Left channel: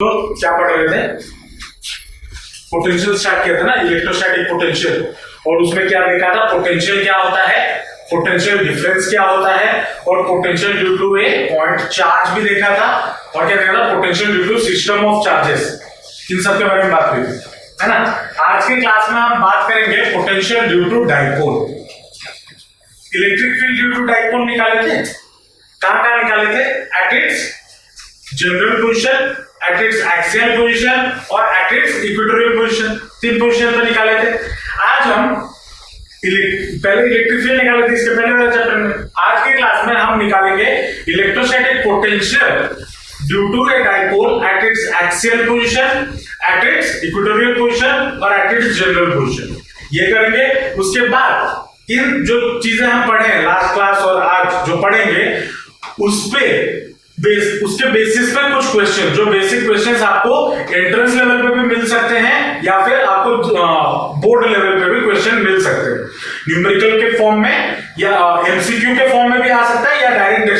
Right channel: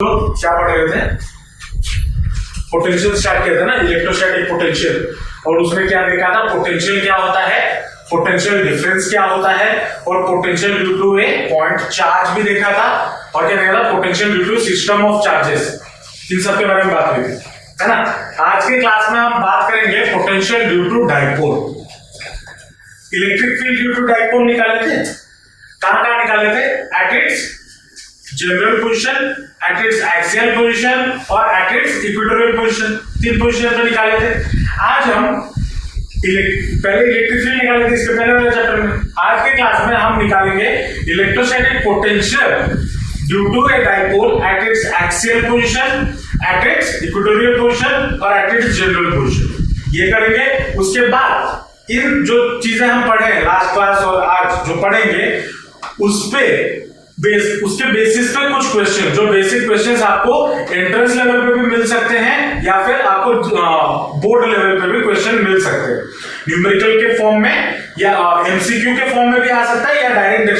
तो क्या पढ़ रहे थे? पोटेंशियल स्टार्ट किया था ना, इलेक्ट्रोस्टैटिक पोटेंशियल। और उसमें क्या देखा था? पोटेंशियल क्या होता है, पोटेंशियल डिफरेंस क्या होता है, और potential due to a point charge भी देखा था। और क्या देखा था? Potential due to system of charges. इन सब के बारे में बात हुई थी, है ना। आज के क्लास में हम बात करेंगे potential due to dipole. Electric field due to dipole निकाले थे, कहां निकाले थे? At its general position, at its axial position और एट इट्स इक्वेटोरियल पोजीशन। तीन पोजीशन पे निकाले थे। आज हम पहले इलेक्ट्रिक फील्ड निकाले थे इसके पहले वाले चैप्टर में। आज के क्लास में हम निकालेंगे electrostatic potential due to a dipole at its axial position, at its equatorial position और एट इट्स जनरल पोजीशन। ये करेंगे। उसके बाद इन जो चीजें हम पढ़े लास्ट क्लास और आज जो पढ़ेंगे उसके बेसिस पे कुछ क्वेश्चन, जो बेसिक क्वेश्चंस आपको एंट्रेंस लेवल पे भी मिल सकते हैं या फिर आपको बोर्ड लेवल पे भी क्वेश्चन मिल सकते हैं। न्यूमेरिकल के फॉर्म में या एमसीक्यू के फॉर्म में भी आ सकता है या डायरेक्ट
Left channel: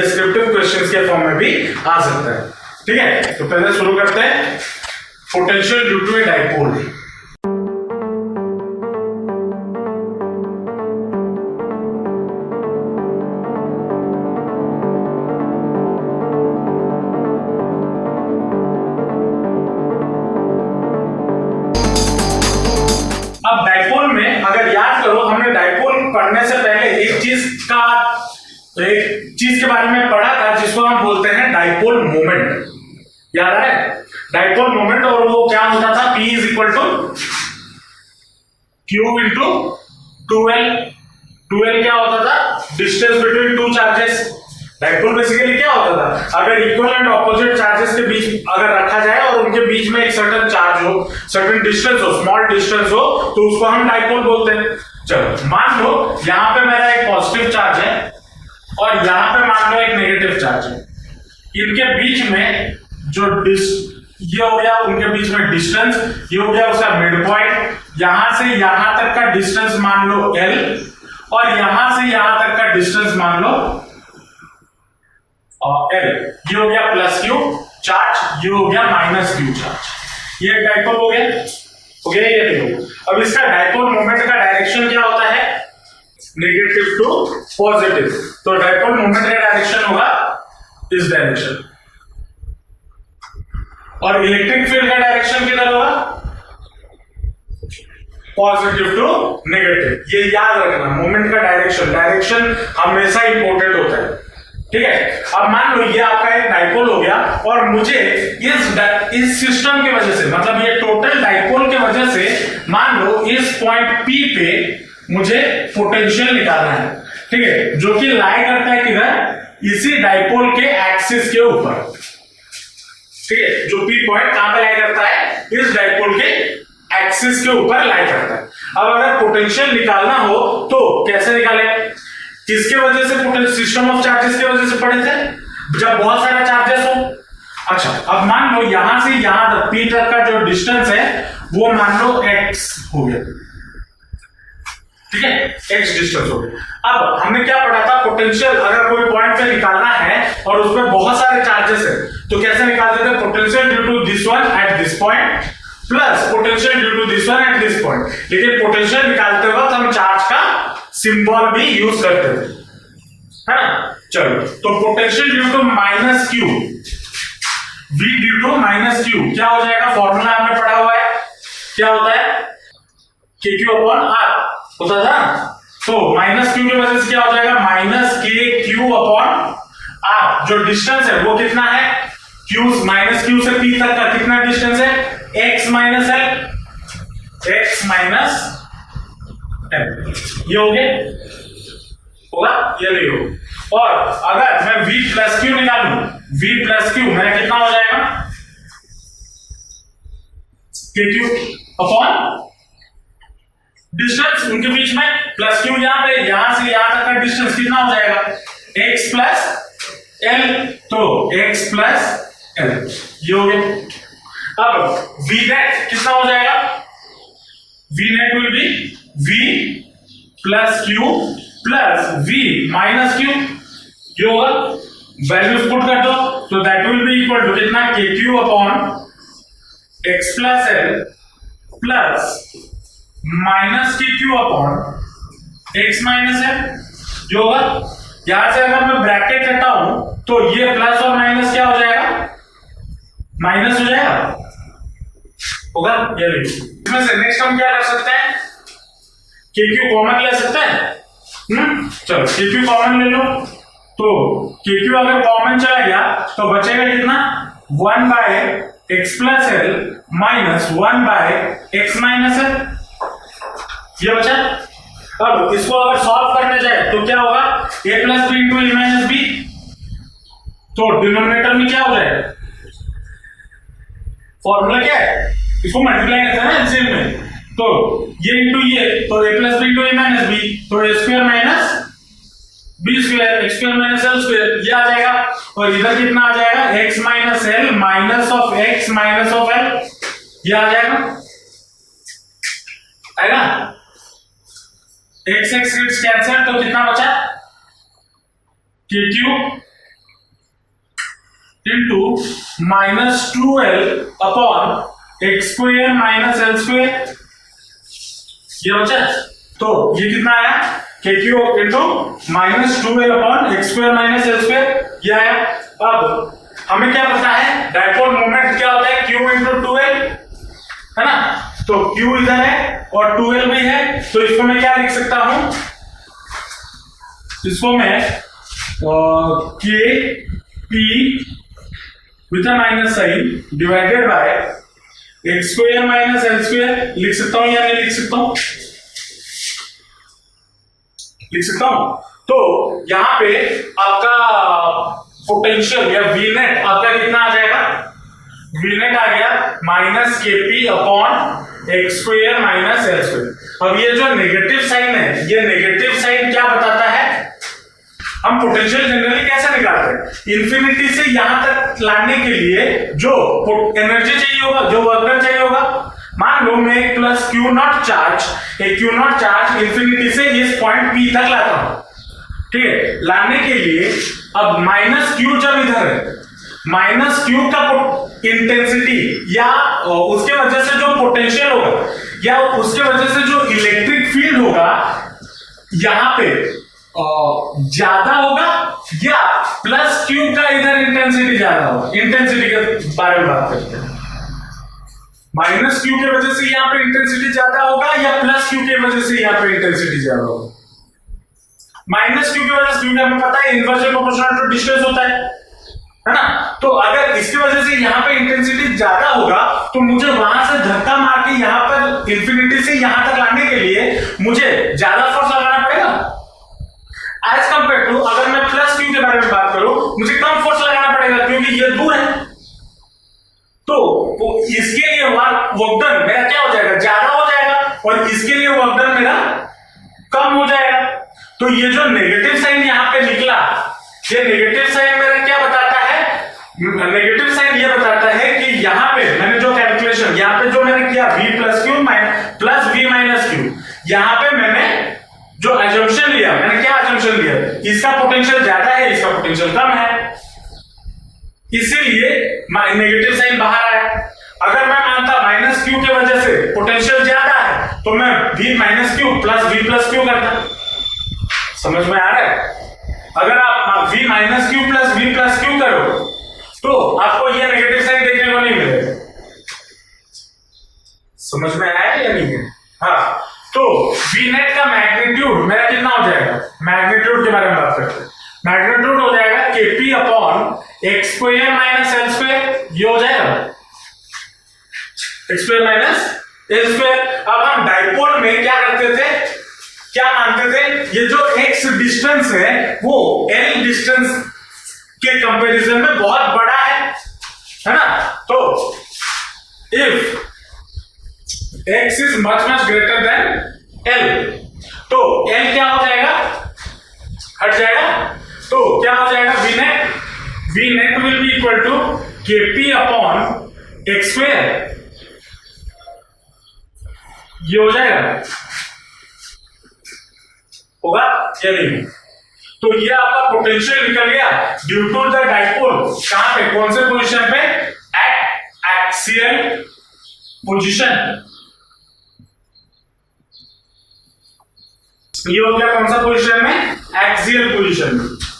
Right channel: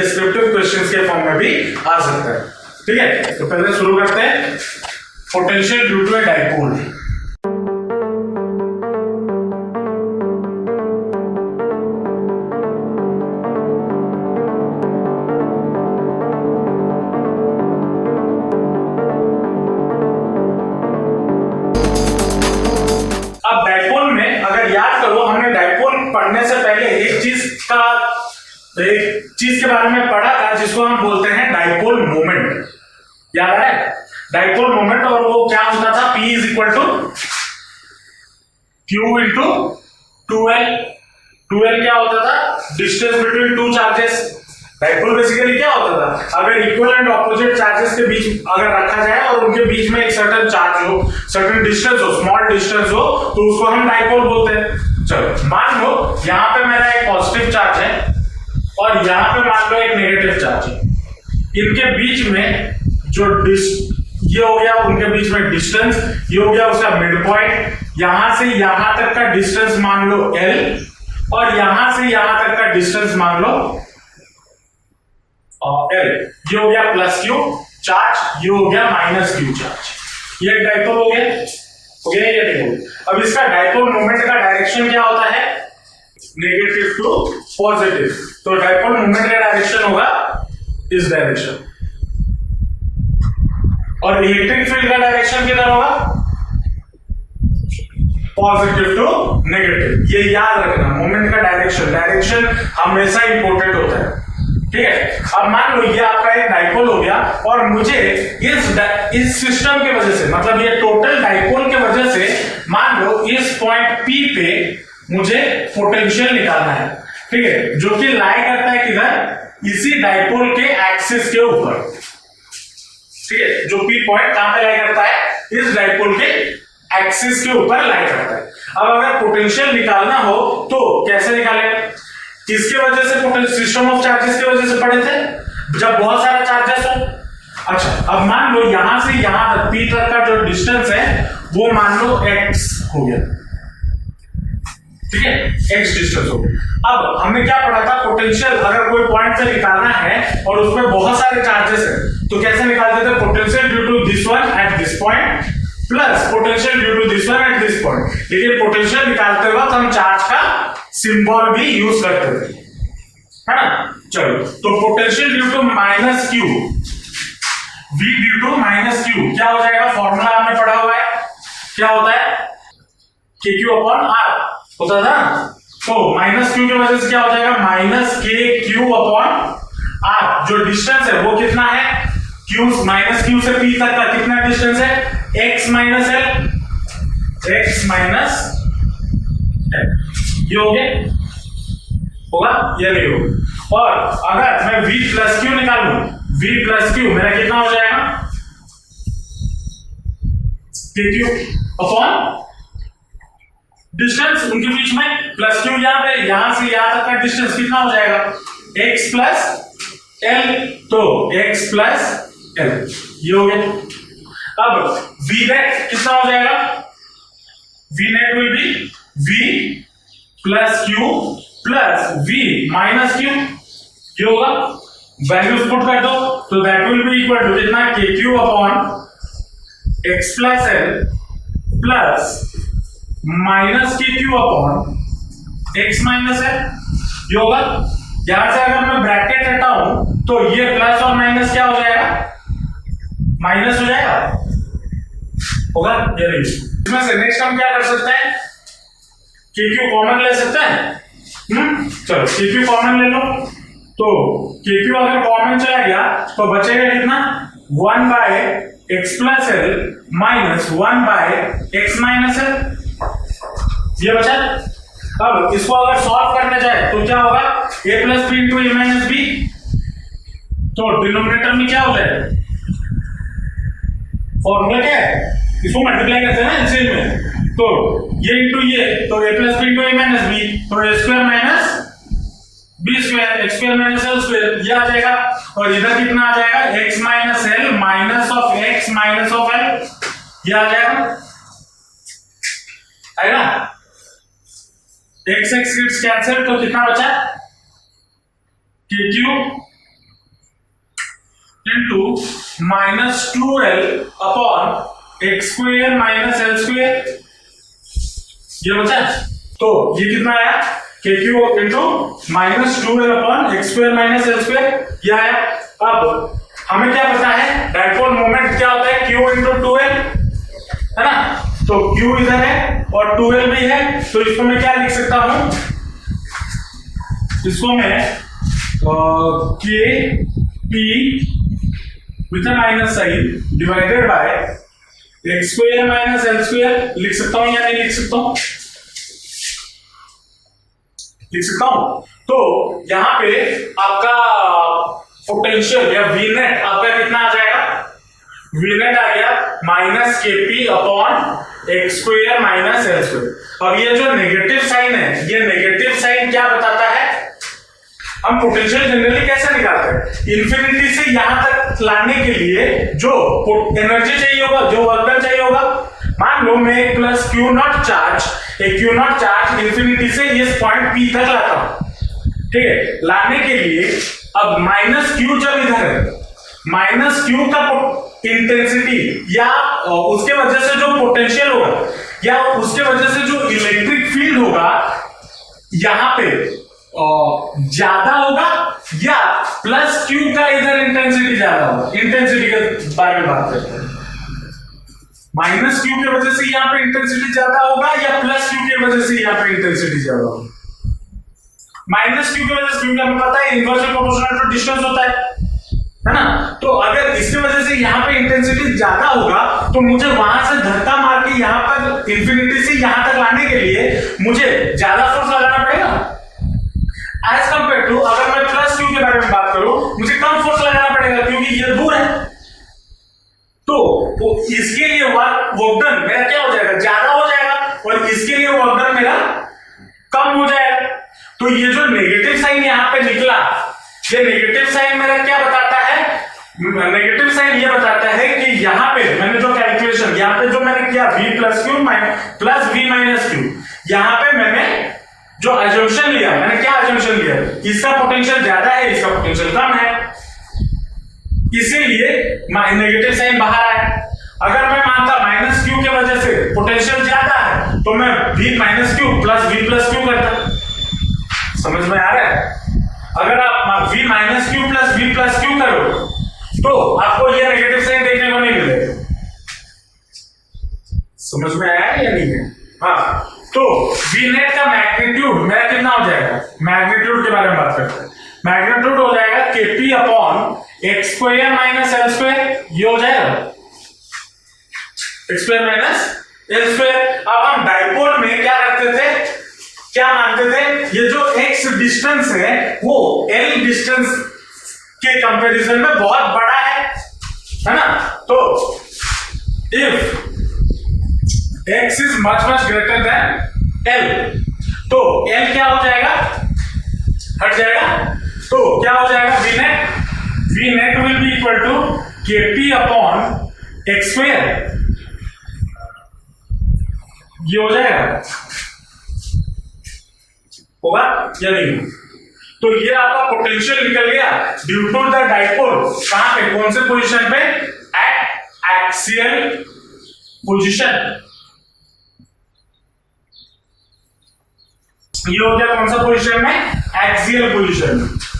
डिस्क्रिप्टिव क्वेश्चंस के फॉर्म में भी आ सकता है। ठीक है, तो पहले शुरू करते हैं potential due to a dipole. अब डाइपोल में अगर याद करो, हमने डाइपोल पढ़ने से पहले एक चीज के बारे में पढ़ा था जिसको हम बोलते हैं डाइपोल मोमेंट। याद आ रहा है? Dipole moment. और वो क्या होता था? P is equal to Q into 2L। 2L क्या होता था? Distance between two charges. Dipole basically क्या होता था? अगर इक्वल एंड ऑपोजिट चार्जेस के बीच अगर रखा जाए और उनके बीच में एक सर्टेन चार्ज हो, सर्टेन डिस्टेंस हो, स्मॉल डिस्टेंस हो, तो उसको हम डाइपोल बोलते हैं। चलो मान लो यहां पे मेरा एक पॉजिटिव चार्ज है और यहां पे मान लो एक नेगेटिव चार्ज है। इनके बीच में जो ये हो गया उनके बीच में डिस्टेंस, ये हो गया उसका मिड पॉइंट। यहां से यहां तक का डिस्टेंस मान लो L और यहां से यहां तक का डिस्टेंस मान लो L। ये हो गया प्लस Q चार्ज, ये हो गया माइनस Q चार्ज। ये डाइपोल हो गया, ये नहीं। अब इसका डाइपोल मोमेंट का डायरेक्शन क्या होता है? Negative to positive. तो डाइपोल मोमेंट का डायरेक्शन होगा इस डायरेक्शन। और इलेक्ट्रिक फील्ड का डायरेक्शन किधर होगा? Positive to negative. ये याद रखना, मोमेंट का डायरेक्शन हमेशा इंपॉर्टेंट होता है। ठीक है। अब मान लो ये आपका एक डाइपोल हो गया और मुझे इस सिस्टम की वजह से, मतलब ये टोटल डाइपोल की वजह से मान लो इस पॉइंट P पे मुझे पोटेंशियल निकालना है। ठीक है, जो कि लाई करता है किधर? इसी डाइपोल के एक्सिस के ऊपर। ठीक है, जो P पॉइंट कहां पे लाई करता है? इस डाइपोल के एक्सिस के ऊपर लाई करता है। अब अगर पोटेंशियल निकालना हो तो कैसे निकालें? किसकी वजह से? सिस्टम ऑफ चार्जेस की वजह से पढ़े थे, जब बहुत सारा चार्जेस हो। अच्छा, अब मान लो यहां से यहां तक P तक का जो डिस्टेंस है वो मान लो x हो गया। ठीक है, x डिस्टेंस हो गया। अब हमने क्या पढ़ा था? पोटेंशियल अगर कोई पॉइंट पे निकालना है और उसमें बहुत सारे चार्जेस है तो कैसे निकालते थे? Potential due to this one at this point plus potential due to this one at this point. लेकिन पोटेंशियल निकालते वक्त हम चार्ज का सिंबल भी यूज करते थे, है ना। चलो, तो potential due to minus Q, V due to minus Q क्या हो जाएगा? फॉर्मूला हमने पढ़ा हुआ है, क्या होता है? KQ अपॉन R होता था। तो माइनस Q की वजह से क्या हो जाएगा? Minus KQ upon R। जो डिस्टेंस है वो कितना है? Q माइनस Q से P तक का कितना डिस्टेंस है? X minus L, X minus L। ये हो गया, होगा? ये नहीं होगा। और अगर मैं V प्लस Q निकालूं, V प्लस Q मेरा कितना हो जाएगा? KQ अपॉन डिस्टेंस उनके बीच में प्लस Q यहां पे, यहां से यहां तक का डिस्टेंस कितना हो जाएगा? X plus L। तो X प्लस L ये हो गया। अब V नेट कितना हो जाएगा? V net will be V plus Q plus V minus Q। ये होगा, वैल्यूज पुट कर दो। तो that will be equal to कितना K Q upon X plus L plus minus K Q upon X minus L. जो होगा यहां से अगर मैं ब्रैकेट हटाऊं तो ये प्लस और माइनस क्या हो जाएगा, माइनस हो जाएगा, होगा ये नहीं। इसमें से नेक्स्ट हम क्या कर सकते हैं, के क्यू कॉमन ले सकते हैं। चलो के क्यू कॉमन ले लो, तो के क्यू अगर कॉमन चला गया तो बचेगा कितना, 1 by x plus L minus 1 by x minus L, ये बचा। अब इसको अगर सॉल्व करने जाए तो क्या होगा, a plus B into A minus B, तो डिनोमिनेटर में क्या हो जाएगा, फॉर्मूला क्या है, इसको मल्टीप्लाई करते हैं ना एलसीएम में, तो ये इंटू ये, तो a plus B into A minus B, तो A square minus B square, X square minus L square, ये आ जाएगा। और इधर कितना आ जाएगा, X minus L minus of X minus of L, ये आ जाएगा, आएगा। एक्स एक्स किट्स कैंसिल, तो कितना बचा, के Q into minus 2l upon x square minus L square, ये बचा। तो ये कितना आया, के Q into minus 2l upon x square minus L square, ये आया। अब हमें क्या पता है, डाइपोल मोमेंट क्या होता है, q इंटू 2l, है ना, तो q इधर है और 2l भी है, तो इसको मैं क्या लिख सकता हूं, इसको मैं k p with minus sign divided by x square minus L square लिख सकता हूं या नहीं लिख सकता हूं, लिख सकता हूं। तो यहां पे आपका पोटेंशियल या वी नेट आपका कितना आ जाएगा, वी नेट आ गया माइनस के P upon x square minus L square. अब ये जो नेगेटिव साइन है, ये नेगेटिव साइन क्या बताता है, हम पोटेंशियल जनरली कैसे निकालते हैं, इंफिनिटी से यहां तक लाने के लिए जो एनर्जी चाहिए होगा, जो वर्क चाहिए होगा, मान लो मैं एक plus Q not charge infinity से इस पॉइंट पी तक लाता हूं, ठीक है, लाने के लिए अब माइनस क्यू जब इधर है, माइनस क्यू का इंटेंसिटी या उसके वजह से जो पोटेंशियल होगा या उसके वजह से जो इलेक्ट्रिक फील्ड होगा यहां पे ज्यादा होगा या प्लस क्यू का इधर इंटेंसिटी ज्यादा होगा, इंटेंसिटी के बारे में बात करते हैं। माइनस क्यू की वजह से यहां पे इंटेंसिटी ज्यादा होगा या प्लस क्यू की वजह से यहां पे इंटेंसिटी ज्यादा होगा, माइनस क्यू की वजह से, क्योंकि हमें पता है इनवर्सली प्रोपोर्शनल टू डिस्टेंस होता है ना, तो अगर इसकी वजह से यहां पे इंटेंसिटी ज्यादा होगा तो मुझे वहां से धक्का मार के यहां पर इंफिनिटी से यहां तक लाने के लिए मुझे ज्यादा फोर्स लगाना पड़ेगा एज कंपेयर टू अगर मैं प्लस क्यू के बारे में बात करूं, मुझे कम फोर्स लगाना पड़ेगा क्योंकि ये दूर है, तो इसके लिए वर्क डन मेरा क्या हो जाएगा, ज्यादा हो जाएगा, और इसके लिए वर्क डन मेरा कम हो जाएगा। तो ये जो नेगेटिव साइन यहां पे निकला, ये नेगेटिव साइन मेरा क्या बताता है, नेगेटिव साइन ये बताता है कि यहां पे मैंने जो कैलकुलेशन यहां पे जो मैंने किया v plus Q plus v minus Q, यहां पे मैंने जो अजम्पशन लिया, मैंने क्या अजम्पशन लिया, इसका पोटेंशियल ज्यादा है, इसका पोटेंशियल कम है, इसीलिए नेगेटिव साइन बाहर आया। अगर मैं मानता माइनस क्यू की वजह से पोटेंशियल ज्यादा है तो मैं v minus Q plus v plus Q करता, समझ में आ रहा है। अगर आप v minus Q plus v plus Q करो तो आपको यह नेगेटिव साइन देखने को नहीं मिलेगा, समझ में आया या नहीं है। हाँ, तो v नेट का मैग्नीट्यूड मेरा कितना हो जाएगा, मैग्नीट्यूड के बारे में बात करते हैं, मैग्नीट्यूड हो जाएगा kp upon x square minus L square, ये हो जाएगा x square minus L square. अब हम डाइपोल में क्या करते थे, क्या मानते थे, ये जो x डिस्टेंस है वो l डिस्टेंस के कंपैरिजन में बहुत बड़ा है ना, तो if x is much greater than l, तो l क्या हो जाएगा, हट जाएगा, तो क्या हो जाएगा, v net will be equal to kp upon x square, ये हो जाएगा, होगा या नहीं। तो ये आपका पोटेंशियल निकल गया ड्यू टू द डाइपोल। कहां पे, कौन से पोजीशन पे, एट एक्सियल पोजीशन। ये हो गया कौन सा पोजीशन में, एक्सियल पोजीशन।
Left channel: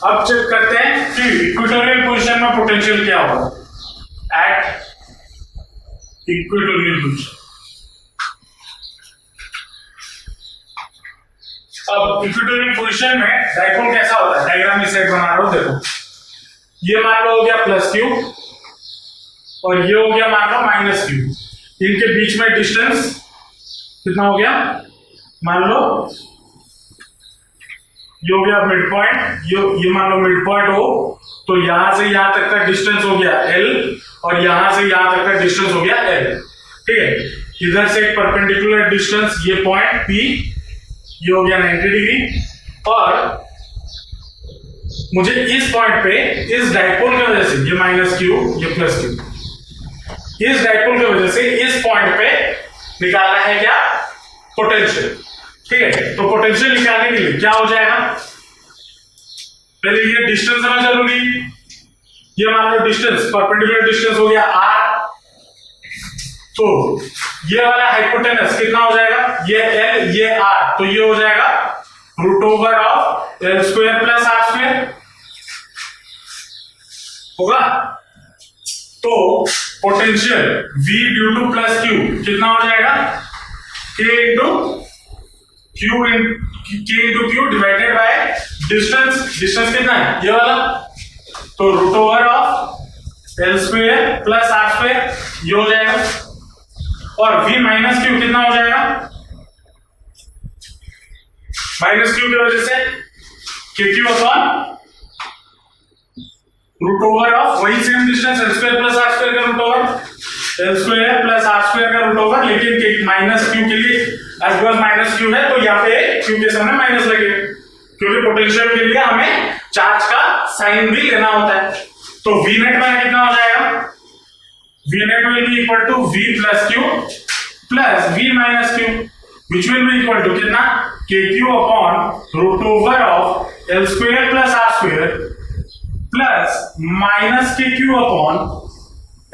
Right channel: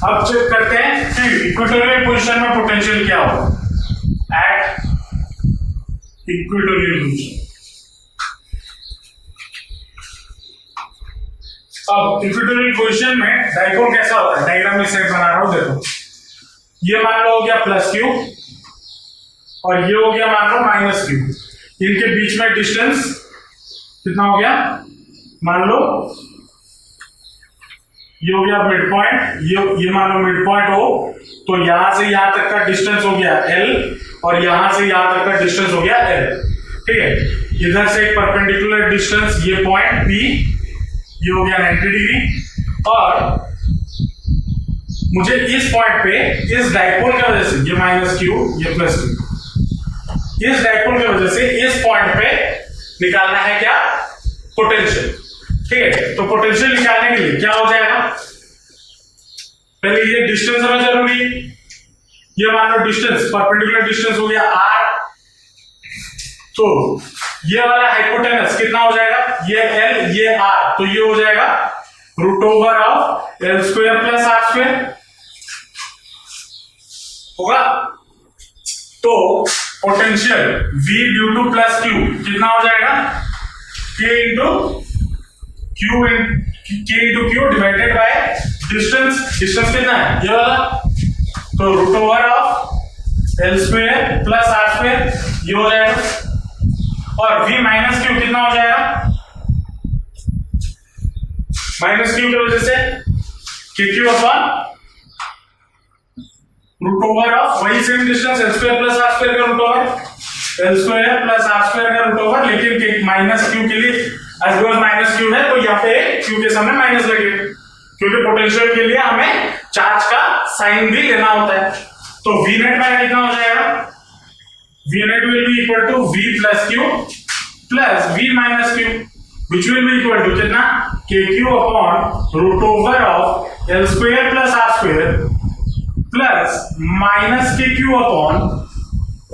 अब चेक करते हैं कि इक्वेटोरियल पोजीशन में पोटेंशियल क्या होगा, एट इक्वेटोरियल पोजीशन। अब इक्वेटोरियल पोजीशन में डाइपोल कैसा होता है, डायग्राम इस साइड बना रहा हूं, देखो ये मान लो हो गया प्लस क्यू और ये हो गया मान लो माइनस क्यू। इनके बीच में डिस्टेंस कितना हो गया, मान लो ये हो गया मिड पॉइंट, ये मान लो मिड पॉइंट हो, तो यहां से यहां तक का डिस्टेंस हो गया L और यहां से यहां तक का डिस्टेंस हो गया L। ठीक है, इधर से एक परपेंडिकुलर डिस्टेंस, ये पॉइंट P, ये हो गया 90 डिग्री। और मुझे इस पॉइंट पे इस डाइपोल की वजह से, ये माइनस क्यू ये प्लस क्यू, इस डाइपोल की वजह से इस पॉइंट पे निकालना है क्या, पोटेंशियल। ठीक है, तो पोटेंशियल निकालने के लिए क्या हो जाएगा, पहले ये डिस्टेंस हमें जरूरी, ये मान लो डिस्टेंस, परपेंडिकुलर डिस्टेंस हो गया r, तो ये वाला हाइपोटेनस कितना हो जाएगा, ये L ये r, तो ये हो जाएगा root over of L square plus r square होगा। तो potential V due to plus Q कितना हो जाएगा, K into Q divided by distance. Distance कितना है, ये वाला, तो root over of L square plus r square ये हो जाएगा। और V माइनस क्यू कितना हो जाएगा, माइनस क्यू की वजह से KQ upon root over of वही same distance L square plus r square का root over, L square plus r square का रूट ओवर, लेकिन माइनस क्यू के लिए एज वेल माइनस क्यू है, तो यहाँ पे क्यू के सामने माइनस लगेगा, क्योंकि पोटेंशियल के लिए हमें चार्ज का साइन भी लेना होता है। तो V नेट में कितना हो जाएगा, V net will be equal to V plus Q plus V minus Q, which will be equal to कितना, KQ upon root over of L square plus R square plus minus KQ upon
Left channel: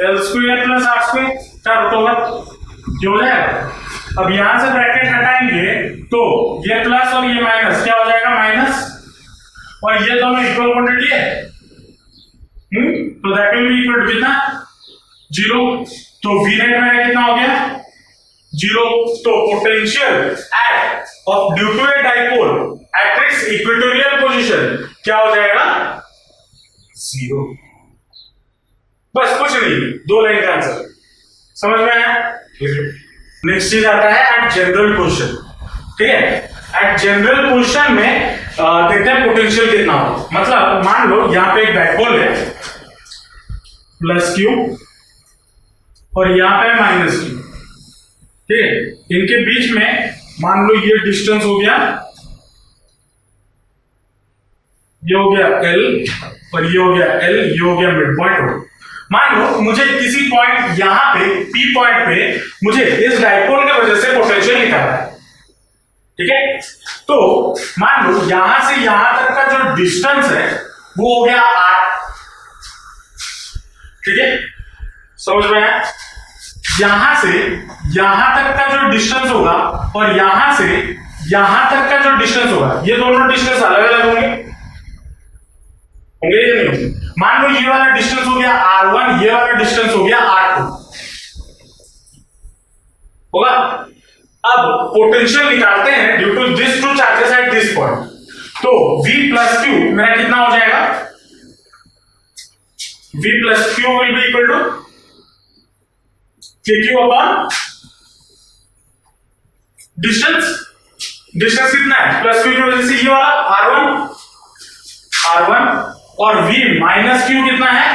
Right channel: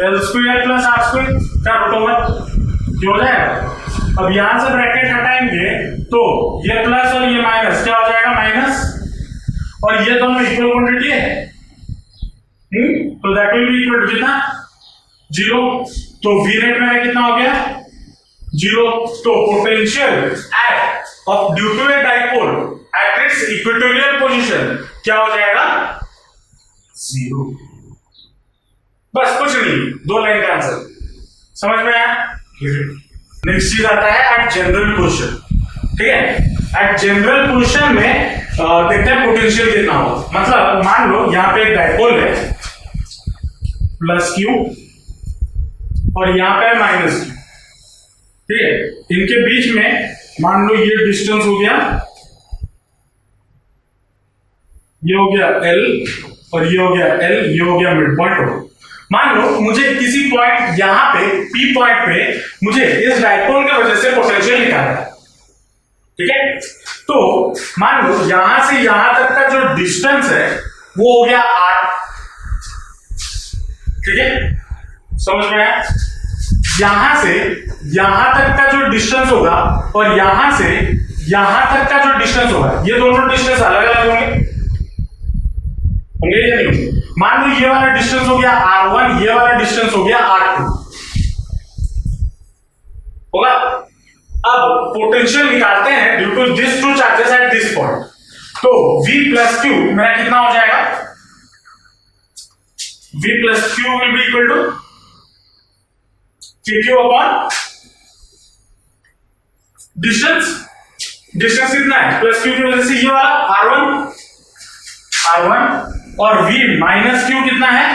L square plus R square का root over जो हो जाएगा। अब यहां से bracket हटाएंगे तो ये प्लस और ये माइनस क्या हो जाएगा, माइनस, और ये दोनों इक्वल क्वांटिटी है, तो that will be equal to कितना, 0। तो V नेट में कितना हो गया, 0। तो potential at of due to a dipole at its equatorial position क्या हो जाएगा, 0। बस कुछ नहीं, 2 लाइन का आंसर, समझ में आया। नेक्स्ट चीज आता है एट जनरल पोजीशन। ठीक है, एट जनरल पोजीशन में देखते हैं पोटेंशियल कितना हो। मतलब मान लो यहां पे एक डाइपोल है प्लस क्यू और यहां पे माइनस क्यू। ठीक है, इनके बीच में मान लो ये डिस्टेंस हो गया, ये हो गया L और ये हो गया L, ये हो गया मिड पॉइंट हो। मान लो मुझे किसी पॉइंट यहां पे P पॉइंट पे मुझे इस डाइपोल की वजह से पोटेंशियल निकालना है। ठीक है, तो मान लो यहां से यहां तक का जो डिस्टेंस है वो हो गया r। ठीक है, समझ में आया। यहां से यहां तक का जो डिस्टेंस होगा और यहां से यहां तक का जो डिस्टेंस होगा, ये दोनों डिस्टेंस अलग अलग होंगे या नहीं। मान लो ये वाला डिस्टेंस हो गया r1, ये वाला डिस्टेंस हो गया r2 होगा। अब पोटेंशियल निकालते हैं due to this two charges at this point. तो V प्लस क्यू मेरा कितना हो जाएगा, V plus Q will be equal to KQ upon distance. Distance कितना है, प्लस क्यू की वजह से ये वाला R1 और V माइनस क्यू कितना है,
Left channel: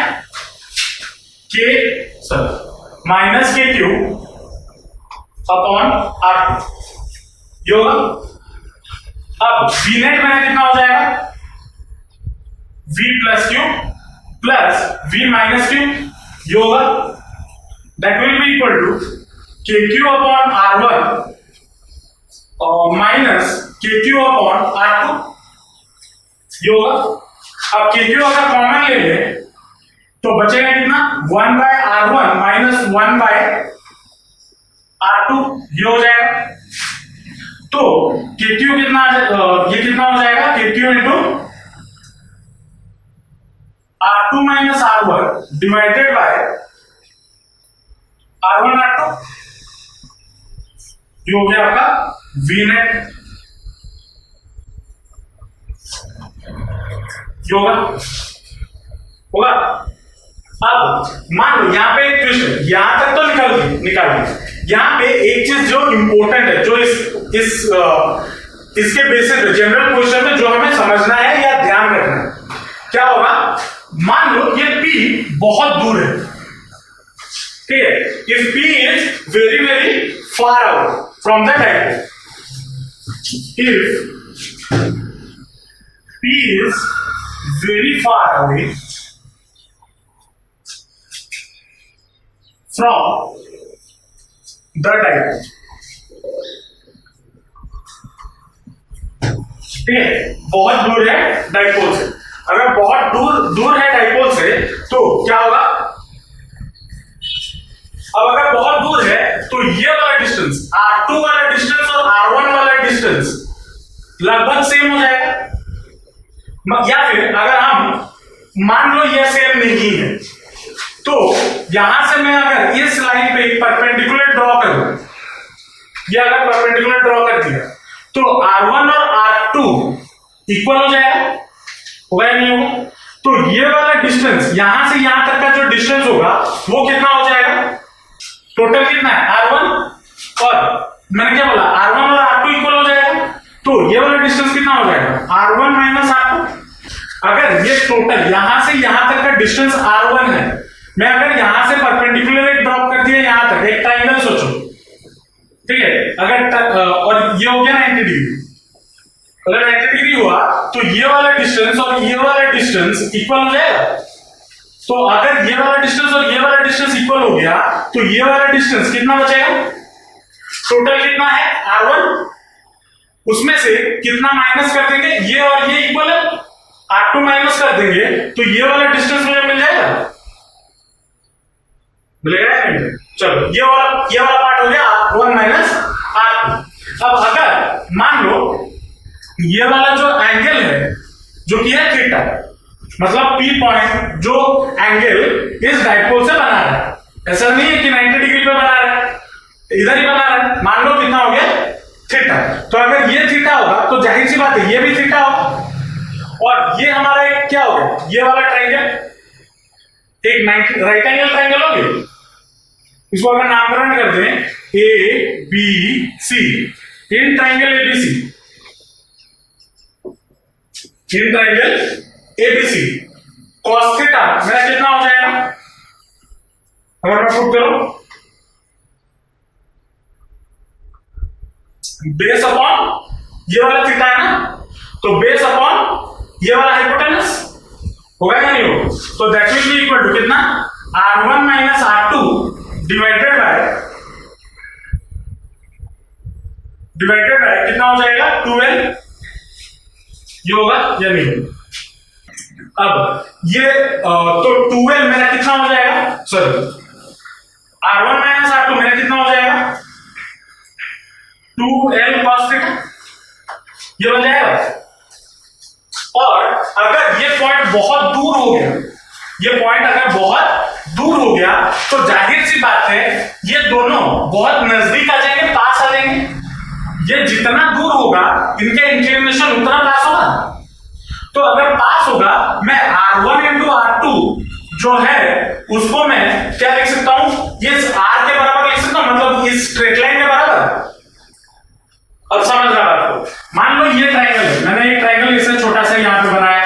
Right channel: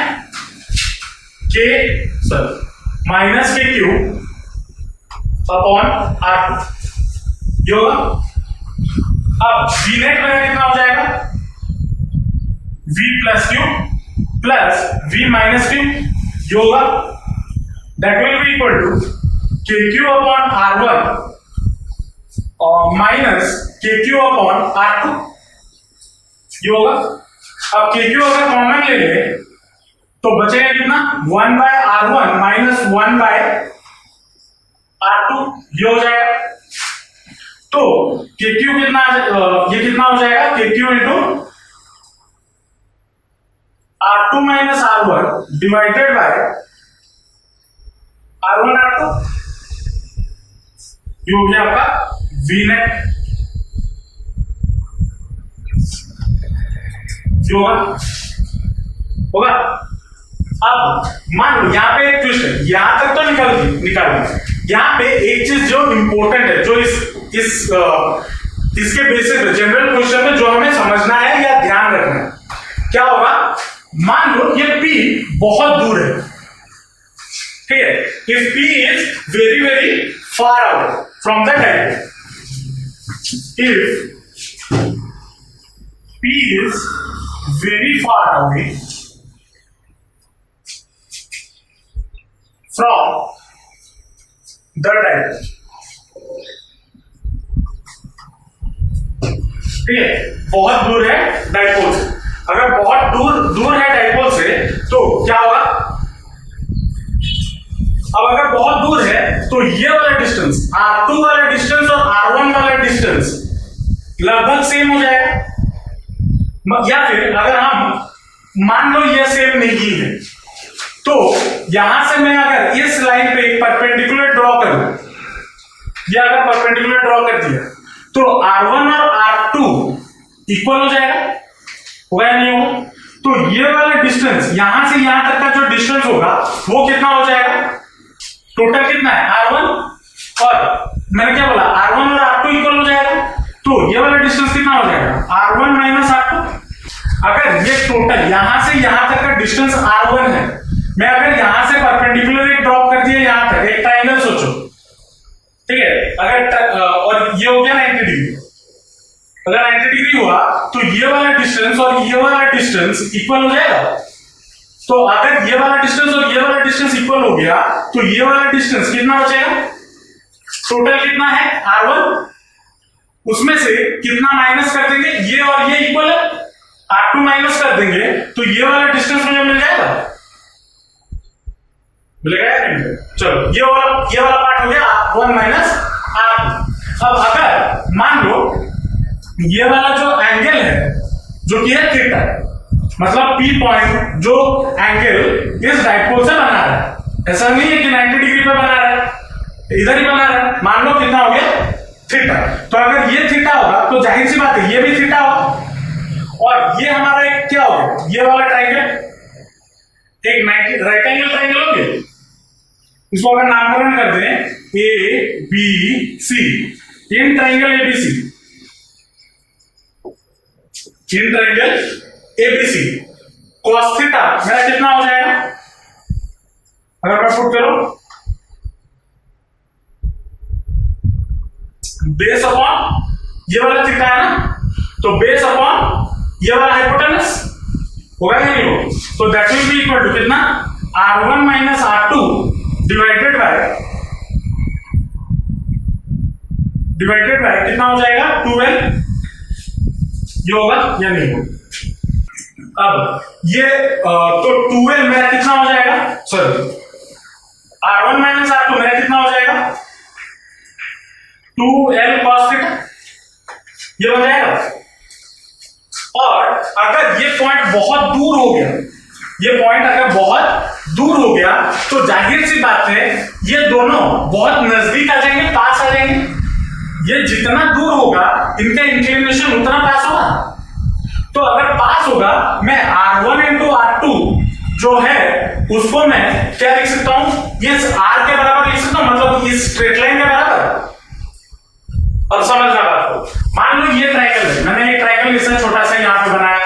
minus K Q upon R2 ये होगा। अब V नेट में कितना हो जाएगा, V plus Q plus V minus Q ये होगा। That will be equal to KQ upon R1 और माइनस KQ अपॉन R2। ये होगा। अब KQ अगर कॉमन ले ले तो बचेगा कितना, 1/R1 माइनस 1/R2, ये हो जाएगा। तो KQ कितना, ये कितना हो जाएगा, KQ into R2 minus R1 divided by R1 R2, ये हो गया आपका Vnet, होगा होगा। अब मान लो यहां पे एक ट्विस्ट है, यहां तक तो निकाल दी। यहां पे एक चीज जो इंपॉर्टेंट है, जो इसके बेसिस पे जनरल क्वेश्चन में जो हमें समझना है या ध्यान रखना है, क्या होगा, मान लो ये P बहुत दूर है, ठीक है, if P is very very far away from the dipole, if P is very far away from the dipole, ठीक है, बहुत दूर है डाइपोल से। अगर बहुत दूर है डाइपोल से तो क्या होगा, अब अगर बहुत दूर है तो ये वाला डिस्टेंस, R2 वाला डिस्टेंस और R1 वाला डिस्टेंस लगभग सेम हो जाएगा। या फिर अगर हम मान लो ये सेम नहीं है तो यहां से मैं अगर इस लाइन पे एक परपेंडिकुलर ड्रॉ करूं, ये अगर परपेंडिकुलर ड्रॉ कर दिया तो R1 और R2 इक्वल हो जाएगा, होगा या नहीं होगा। तो ये वाला डिस्टेंस यहां से यहां तक का जो डिस्टेंस होगा वो कितना हो जाएगा, टोटल कितना है R1 और मैंने क्या बोला, R1 और R2 इक्वल हो जाएगा। तो ये वाला डिस्टेंस कितना हो जाएगा, R1 माइनस R2। अगर ये टोटल यहां से यहां तक का डिस्टेंस R1 है, मैं अगर यहां से परपेंडिकुलर एक ड्रॉप कर दिया यहां तक, एक ट्रायंगल सोचो, ठीक है, अगर और ये हो गया 90 डिग्री, अगर 90 डिग्री हुआ तो ये वाला डिस्टेंस और ये वाला डिस्टेंस इक्वल हो जाएगा। तो अगर ये वाला डिस्टेंस और ये वाला डिस्टेंस इक्वल हो गया तो ये वाला डिस्टेंस कितना बचेगा, टोटल कितना है R1, उसमें से कितना माइनस कर देंगे, ये और ये इक्वल है, R2 माइनस कर देंगे तो ये वाला डिस्टेंस मुझे मिल जाएगा, मिलेगा या नहीं। चलो ये वाला पार्ट हो गया R1 माइनस R2। अब अगर मान लो ये वाला जो एंगल है जो कि है थीटा, मतलब P पॉइंट जो एंगल इस डाइपोल से बना रहा है, ऐसा नहीं है कि 90 डिग्री पे बना रहा है, इधर ही बना रहा है, मान लो कितना हो गया थीटा। तो अगर ये थीटा होगा तो जाहिर सी बात है ये भी थीटा होगा, और ये हमारा एक क्या हो गया, ये वाला ट्राइंगल एक राइट एंगल ट्राइंगल हो गया। इसको अगर नामकरण कर दें ABC, in triangle ABC, in triangle ABC cos theta मेरा कितना हो जाएगा, अगर मैं पुट करूं बेस अपॉन ये वाला थीटा है ना, तो बेस अपॉन ये वाला हाइपोटेनस होगा या नहीं होगा। तो that will be equal to कितना, R1 minus R2 divided by कितना हो जाएगा 12, ये होगा या नहीं होगा। अब ये तो 12 मेरा कितना हो जाएगा, सॉरी R1 माइनस R2 मेरा कितना हो जाएगा 2L cos थीटा, ये बन जाएगा। और अगर ये पॉइंट बहुत दूर हो गया, ये पॉइंट अगर बहुत दूर हो गया तो जाहिर सी बात है ये दोनों बहुत नजदीक आ जाएंगे, पास आ जाएंगे। ये जितना दूर होगा इनका इंक्लिनेशन उतना पास होगा। तो अगर पास होगा मैं R1 इंटू R2 जो है उसको मैं क्या लिख सकता हूं, ये R के बराबर लिख सकता हूं, मतलब इस स्ट्रेट लाइन के बराबर। अब समझना बात को, मान लो ये ट्राइंगल है, मैंने एक ट्राइंगल इसे छोटा सा यहां पे बनाया,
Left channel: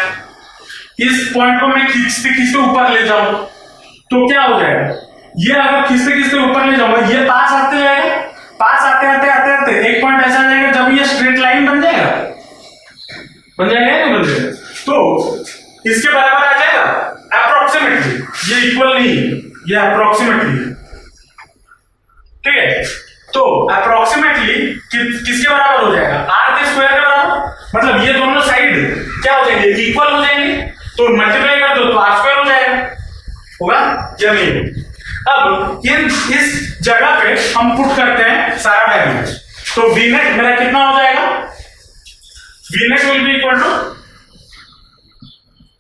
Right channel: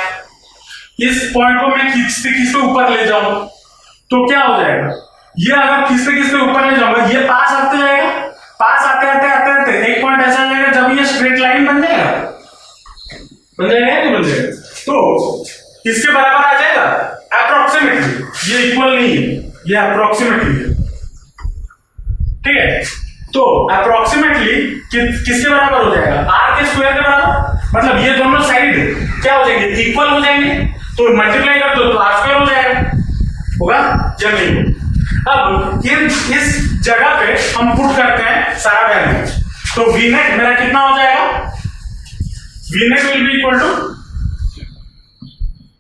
इस पॉइंट को मैं खींचते खींचते ऊपर ले जाऊं तो क्या हो जाएगा, ये अगर खींचते खींचते ऊपर ले जाऊंगा ये पास आते जाएगा, पास आते आते आते आते एक पॉइंट ऐसा आ जाएगा जब ये स्ट्रेट लाइन बन जाएगा या नहीं बन जाएगा, तो इसके बराबर आ जाएगा अप्रोक्सीमेटली, ये इक्वल नहीं है, ये अप्रोक्सीमेटली है, ठीक है। तो अप्रोक्सीमेटली किसके बराबर हो जाएगा, R के स्क्वायर के बराबर। मतलब ये दोनों साइड क्या हो जाएंगे, इक्वल हो जाएंगे, तो मल्टीप्लाई कर दो तो आर स्क्वायर हो जाएगा, होगा या नहीं। अब इस जगह पे हम पुट करते हैं सारा वैल्यू, तो वी नेट मेरा कितना हो जाएगा, V net will be equal to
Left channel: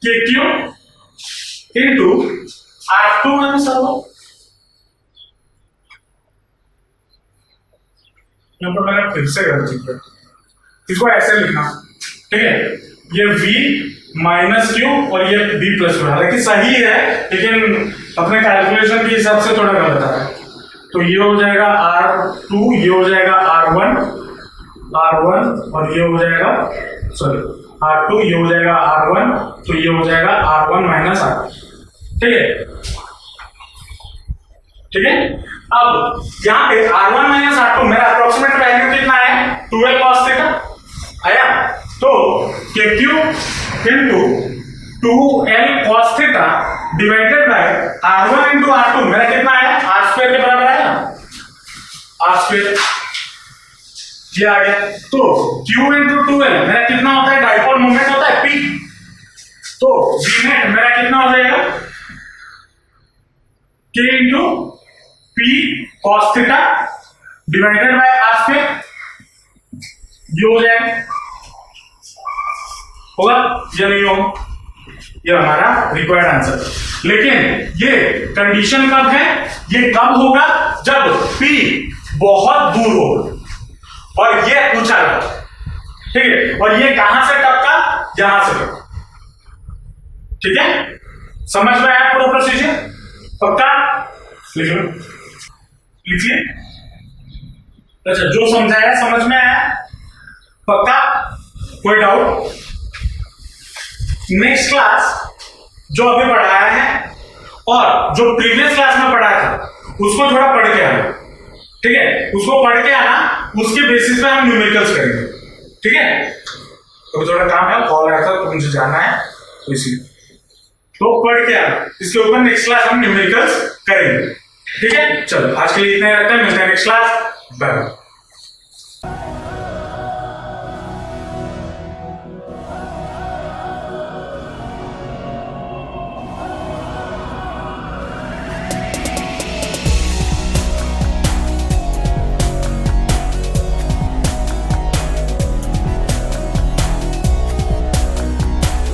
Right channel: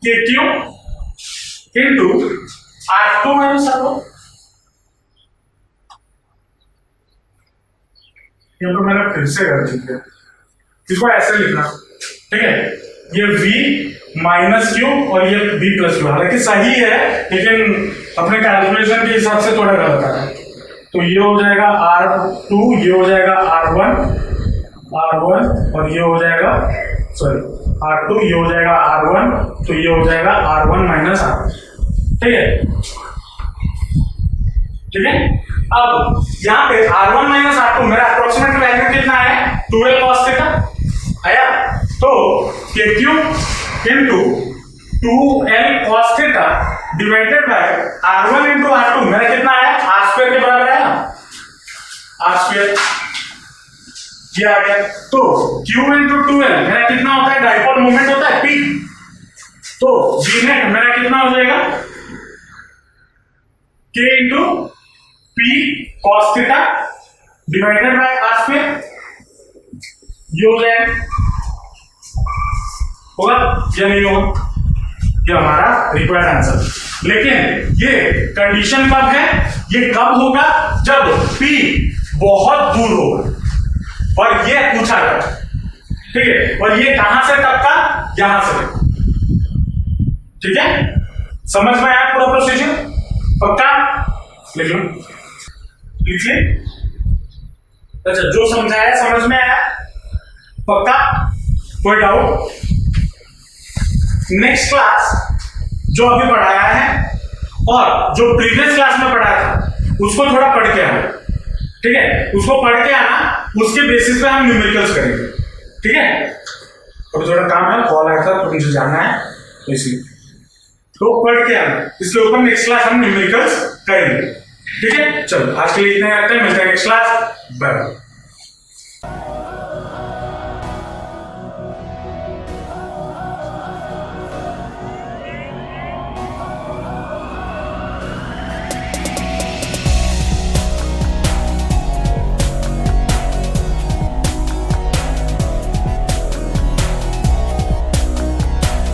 K Q into R2 minus R1। यहाँ पर मैंने फिर से गलती की, इसको ऐसे लिखना, ठीक है, ये V माइनस क्यू और ये V प्लस क्यू, हालांकि सही है लेकिन अपने कैलकुलेशन के हिसाब से थोड़ा गलत है। तो ये हो जाएगा R2, ये हो जाएगा R1 और ये हो जाएगा R2, ये हो जाएगा R1, तो ये हो जाएगा R1 माइनस R2, ठीक है, ठीक है। अब यहाँ पे R1 माइनस R2 मेरा अप्रोक्सीमेट वैल्यू कितना है, 12 cos थीटा आया, तो KQ into 2L cos theta divided by R1 into R2 मेरा कितना है, R स्क्वायर के बराबर आया, R स्क्वायर ये आ गया। तो Q इंटू 2L मेरा कितना होता है, डाइपोल मोमेंट होता है P, तो V नेट मेरा कितना हो जाएगा, K into P cos theta divided by R square, ये हो जाएगा, होगा या नहीं होगा, ये हमारा रिक्वायर्ड आंसर। लेकिन ये कंडीशन कब है, ये कब होगा, जब P बहुत दूर होगा और ये ऊंचा लगा, ठीक है, और ये कहां से टपका, यहां से, ठीक है, समझ में आया पूरा प्रोसीजर, पक्का लिख लो, लिखिए। अच्छा, जो समझाया समझ में आया, पक्का, कोई डाउट। नेक्स्ट क्लास जो अभी पढ़ाया है और जो प्रीवियस क्लास में पढ़ाया था उसको थोड़ा पढ़ के आना, ठीक है, उसको पढ़ के आना, उसके बेसिस पे हम न्यूमेरिकल्स करेंगे, ठीक है। अभी थोड़ा काम है, कॉल आया था तो मुझे जाना है, तो इसलिए तो पढ़ के आना, इसके ऊपर नेक्स्ट क्लास हम न्यूमेरिकल्स करेंगे, ठीक है। चलो आज के लिए इतना ही रखते हैं, मिलते हैं नेक्स्ट क्लास, बाय।